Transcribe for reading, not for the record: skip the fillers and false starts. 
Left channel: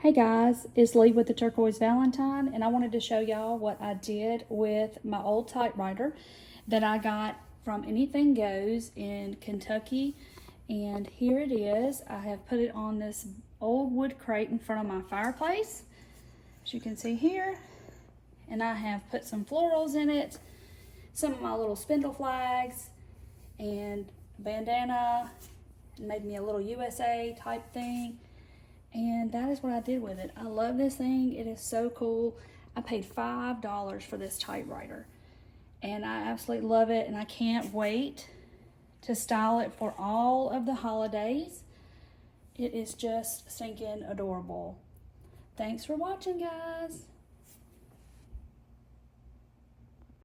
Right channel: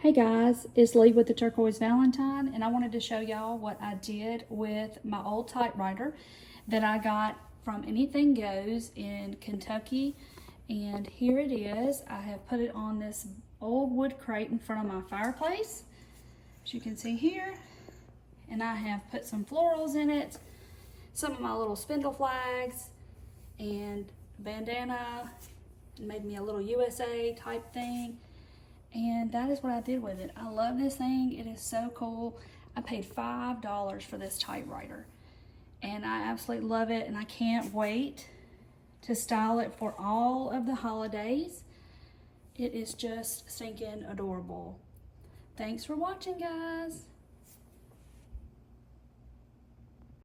Hey guys, it's Lee with the Turquoise Valentine, and I wanted to show y'all what I did with my old typewriter that I got from Anything Goes in Kentucky. And here it is. I have put it on this old wood crate in front of my fireplace, as you can see here. And I have put some florals in it, some of my little spindle flags, and a bandana, and made me a little USA type thing. And that is what I did with it. I love this thing. It is so cool. I paid $5 for this typewriter, and I absolutely love it, and I can't wait to style it for all of the holidays. It is just stinking adorable. Thanks for watching, guys.